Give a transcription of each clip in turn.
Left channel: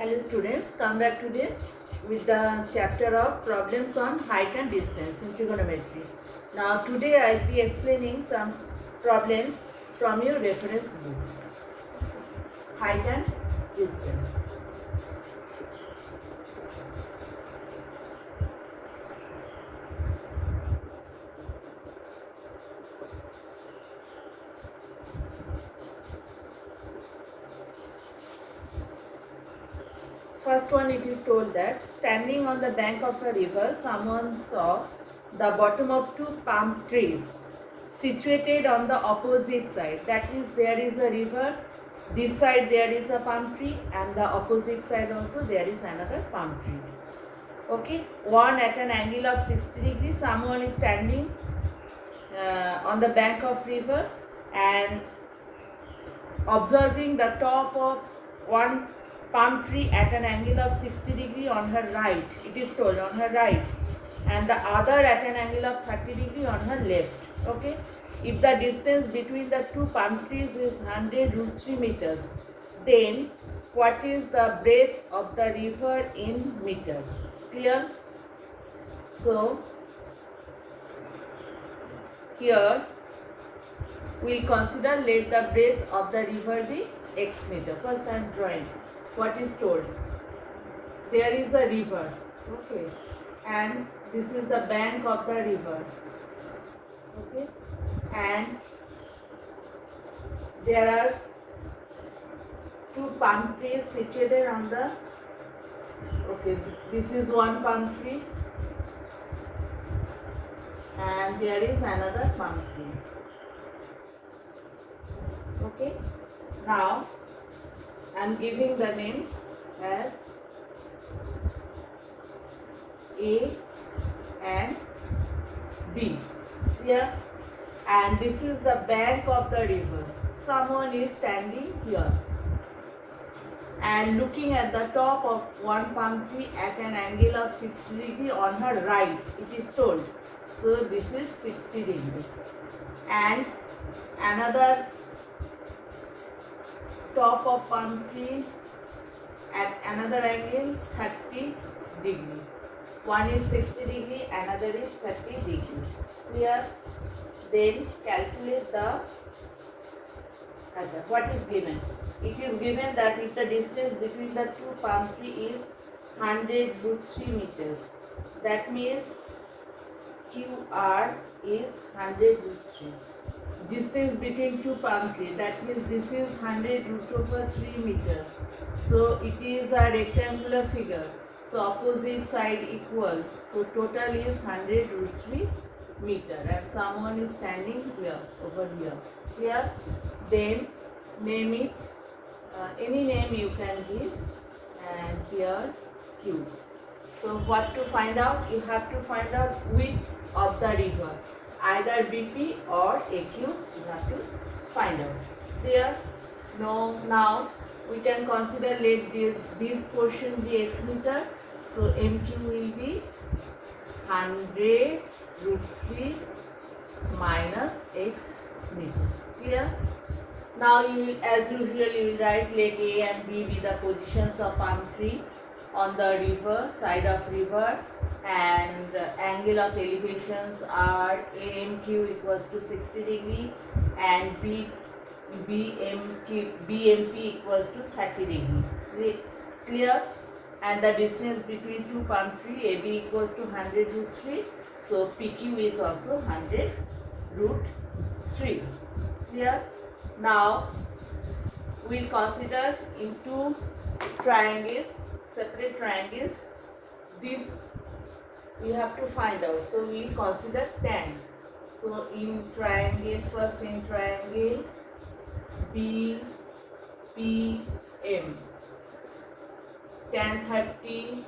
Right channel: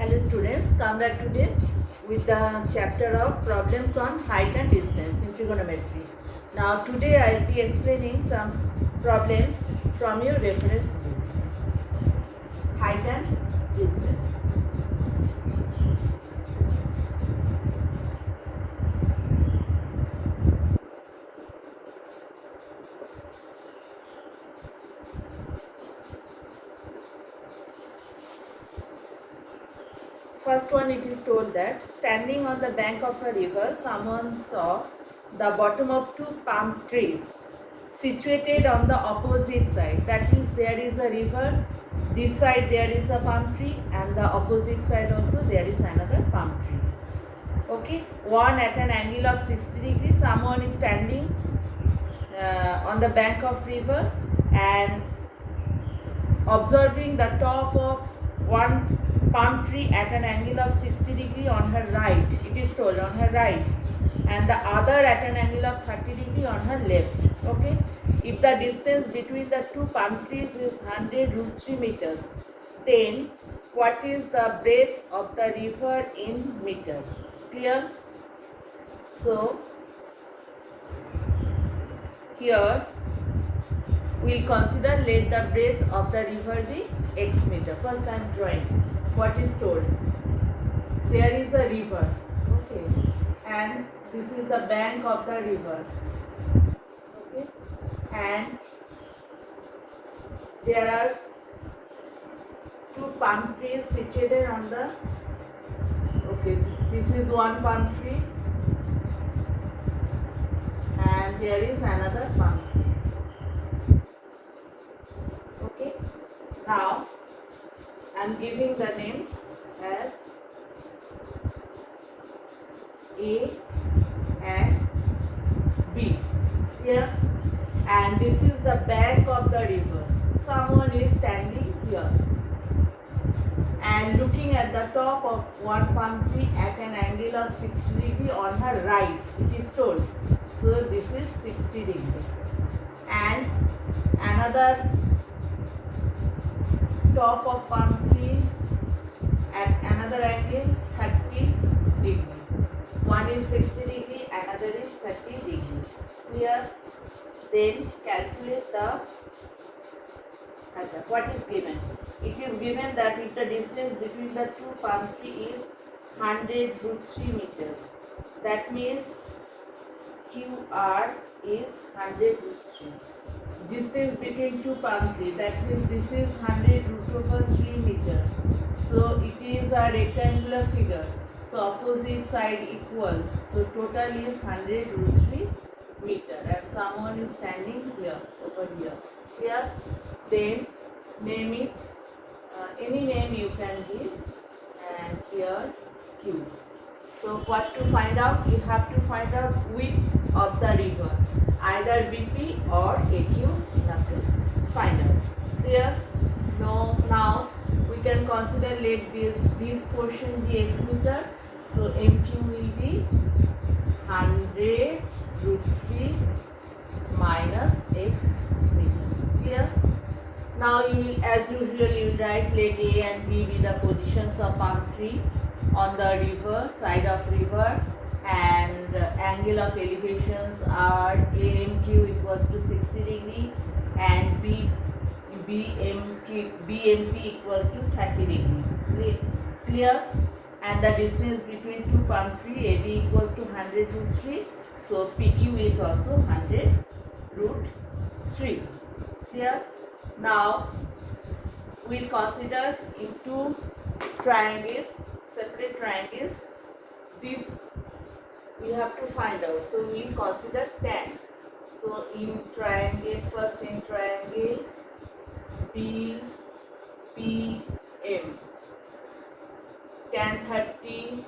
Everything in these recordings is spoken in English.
Hello students, come back today with the chapter of problems on height and distance in trigonometry. Now today I will be explaining some problems from your reference book. Height and distance. First one, it is told that standing on the bank of a river, someone saw the bottom of two palm trees situated on the opposite side. That means there is a river, this side there is a palm tree, and the opposite side also there is another palm tree. Okay, one at an angle of 60 degrees. Someone is standing on the bank of river and observing the top of one palm tree at an angle of 60 degree on her right. It is told on her right, and the other at an angle of 30 degree on her left. Okay, if the distance between the two palm trees is 100 root 3 meters, then what is the breadth of the river in meter? Clear? So here we'll consider, let the breadth of the river be x meter. First I am drawing what is told. There is a river, okay, and this is the bank of the river, okay, and there are two palm trees situated on the, okay, this is one palm tree and there is another palm tree. Okay, now I am giving the names as A and B here, and this is the bank of the river. Someone is standing here and looking at the top of one palm tree at an angle of 60 degree on her right, it is told. So this is 60 degree, and another top of palm tree at another angle 30 degree. One is 60 degree, another is 30 degree. Clear? Then calculate the other. What is given? It is given that if the distance between the two palm tree is 100 root 3 meters, that means QR is 100 root 3. Distance between two palm trees, that means this is 100 root over 3 meter. So it is a rectangular figure. So opposite side equal. So total is 100 root 3 meter, and someone is standing here, over here. Here, then name it, any name you can give, and here Q. So what to find out? You have to find out width of the river, either BP or AQ. You have to find out. Clear? No. Now we can consider, let this portion be x meter. So MQ will be 100 root 3 minus x meter. Clear? Now you will, as usual, you will write let A and B be the positions of palm tree on the river, side of river, and angle of elevations are AMQ equals to 60 degree and BMP equals to 30 degree. Clear? And the distance between two palm tree, AB equals to 100 root 3. So PQ is also 100 root 3. Clear? Now we'll consider in two triangles, separate triangles. This we have to find out. So we'll consider tan. So in triangle, first in triangle BPM, tan 30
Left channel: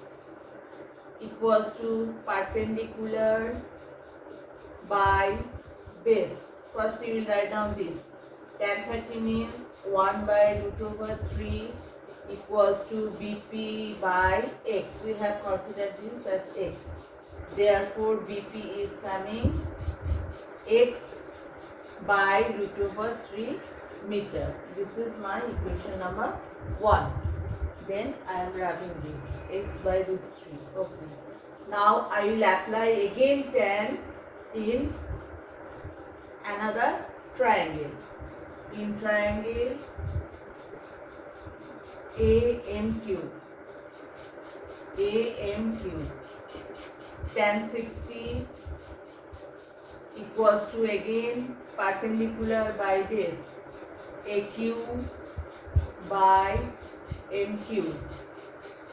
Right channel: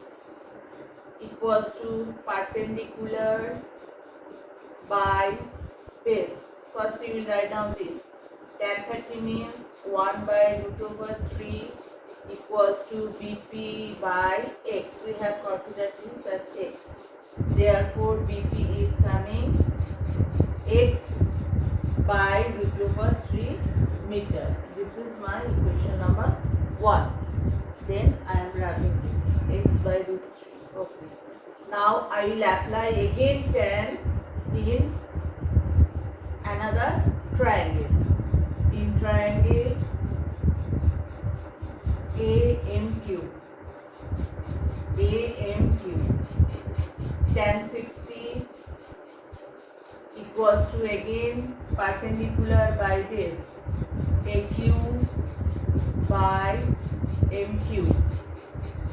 equals to perpendicular by base. First you will write down this. Tan 30 means 1 by root over 3 equals to BP by x. We have considered this as x. Therefore BP is coming x by root over 3 meter. This is my equation number 1. Then I am wrapping this x by root 3. Okay. Now I will apply again tan in another triangle. In triangle AMQ. Tan 60 equals to again perpendicular by base AQ by MQ.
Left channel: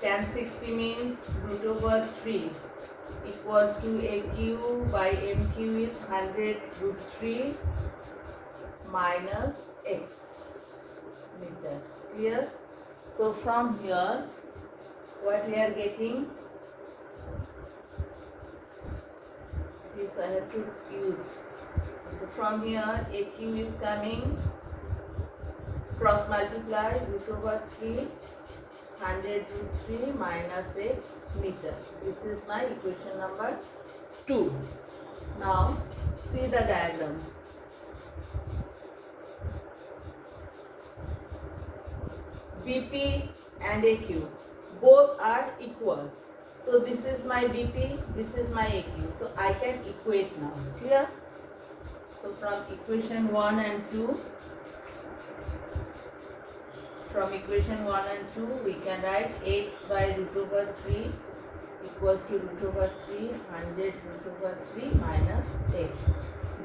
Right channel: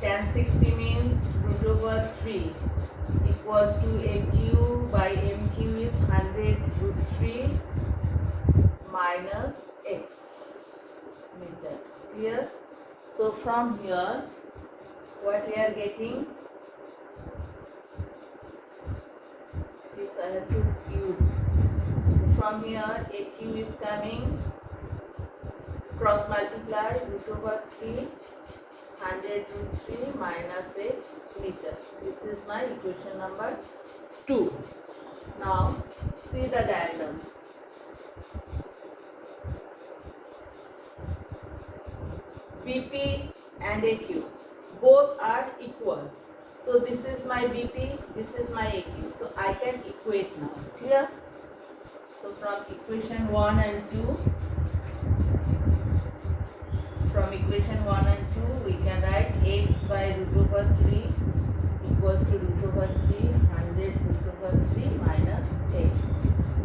Tan 60 means root over 3 equals to AQ by MQ is 100 root 3 minus x meter. Clear? So from here what we are getting, this I have to use. So from here AQ is coming, cross multiply root over 3 100 root 3 minus x meter. This is my equation number 2. Now see the diagram. BP and AQ both are equal. So this is my BP, this is my AQ. So I can equate now. Clear? So from equation 1 and 2, from equation 1 and 2 we can write x by root over 3 equals to root over 3 100 root over 3 minus x.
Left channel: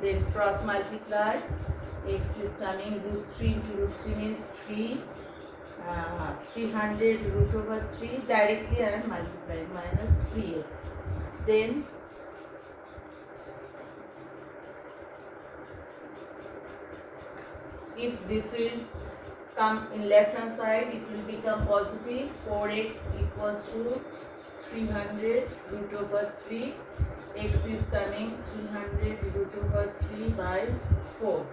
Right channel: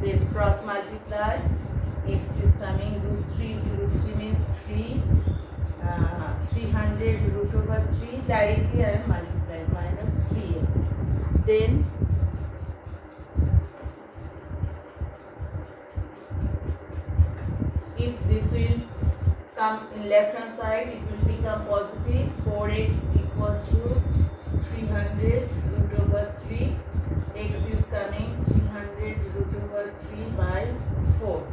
Then cross multiply, x is coming root 3 into root 3 means 300 root over 3, directly I am multiplying, minus 3x. Then if this will come in left hand side, it will become positive. 4x equals to 300 root over 3. X is coming 300 root over 3 by 4.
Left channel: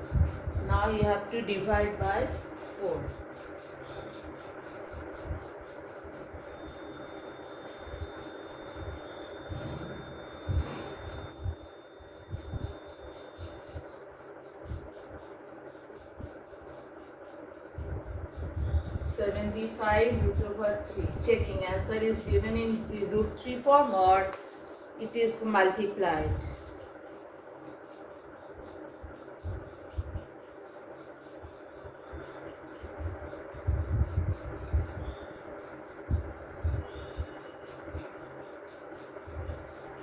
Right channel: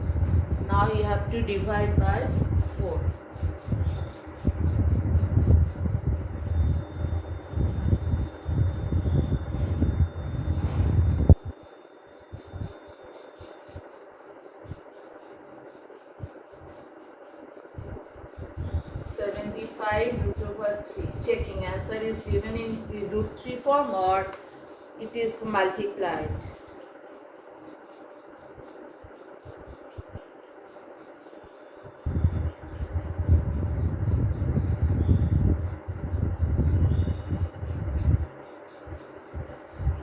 Now you have to divide by 4. Root over 3. Checking answer is given in the root 3 form or it is multiplied.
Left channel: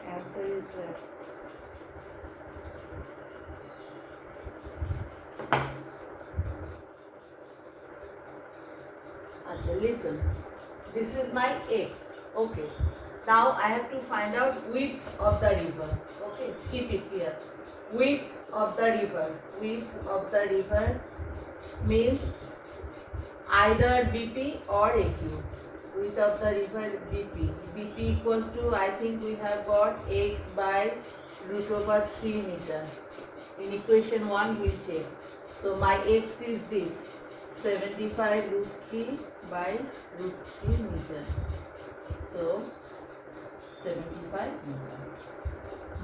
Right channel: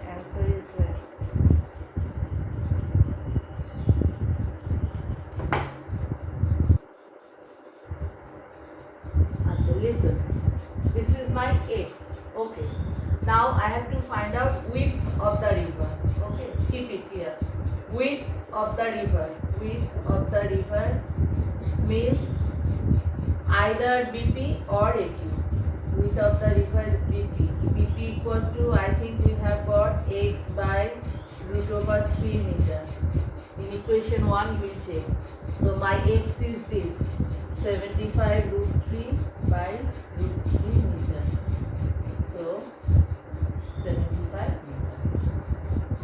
Answer is there. Listen, this is my x. Okay, now I have to find out width of the river. Okay, keep it here. Width of the river. Width of the river means either BP or AQ. Width of the river BP. BP equals to, I think we have got x by root over 3 meter. In equation 1 we check. So my x is this. 75 root 3 by root 3 meter. So 75 meter.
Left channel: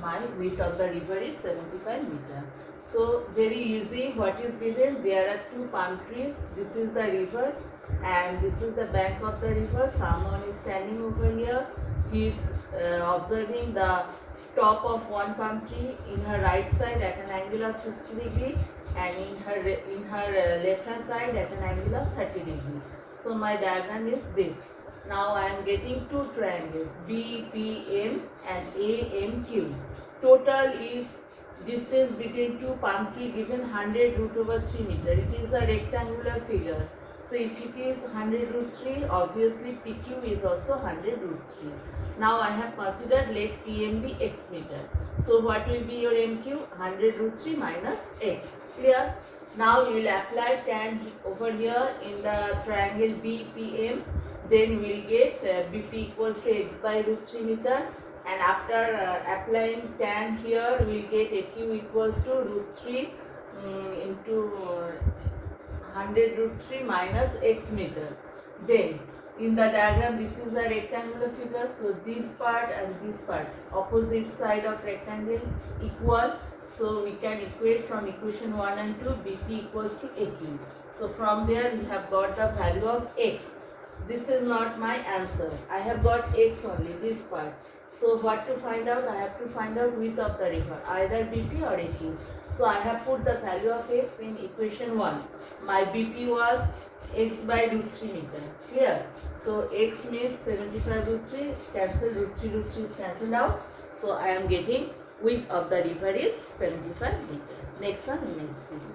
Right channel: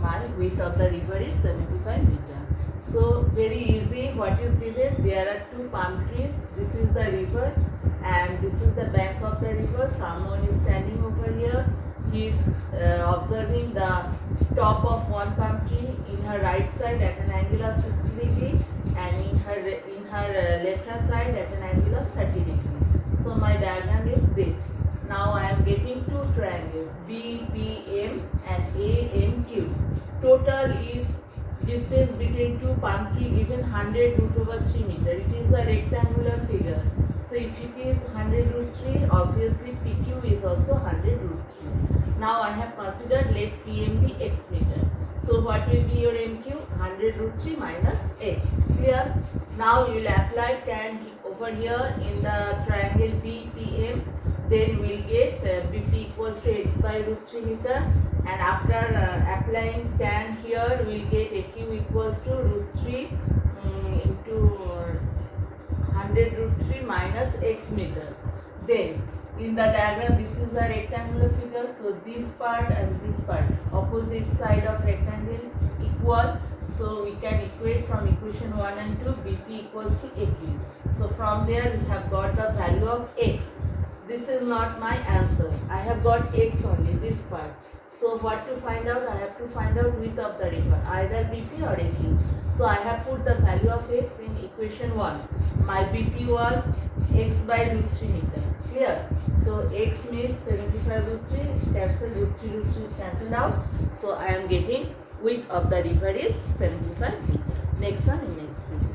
My width of the river is 75 meter. So very easy. What is given? There are two palm trees. This is the river and this is the bank of the river. Someone is standing over here. He is observing the top of one palm tree in her right side at an angle of 60 degree and in her left hand side at an angle of 30 degree. So my diagram is this. Now I am getting two triangles BPM and AMQ. Total is distance between two palm tree given 100 root over 3 meter. It is a rectangular figure. So if it is 100 root 3, obviously PQ is also 100 root 3. Now I have considered let PM be x meter. So what will be your MQ? 100 root 3 minus x. Clear? Now you will apply tan over here in the triangle BPM. Then we will get BP equals to x by root 3 meter. And after applying tan here, we will get AQ equals to root 3 into 100 root 3 minus x meter. Then in the diagram, this is a rectangular figure. So this part and this part, opposite side of rectangle is equal. So we can equate from equation 1 and 2, BP equals to AQ. So from there we have got the value of x. this is not my answer. I have got x only, this part. So what to find out? I have to find out width of the river, either BP or AP. So I have put the value of x in equation 1. My BP was x by root 3 meter. Clear? So x means 75 root 3, cancel root 3 is cancelled out. So I am getting width of the river is 75 meter. Next one in next video.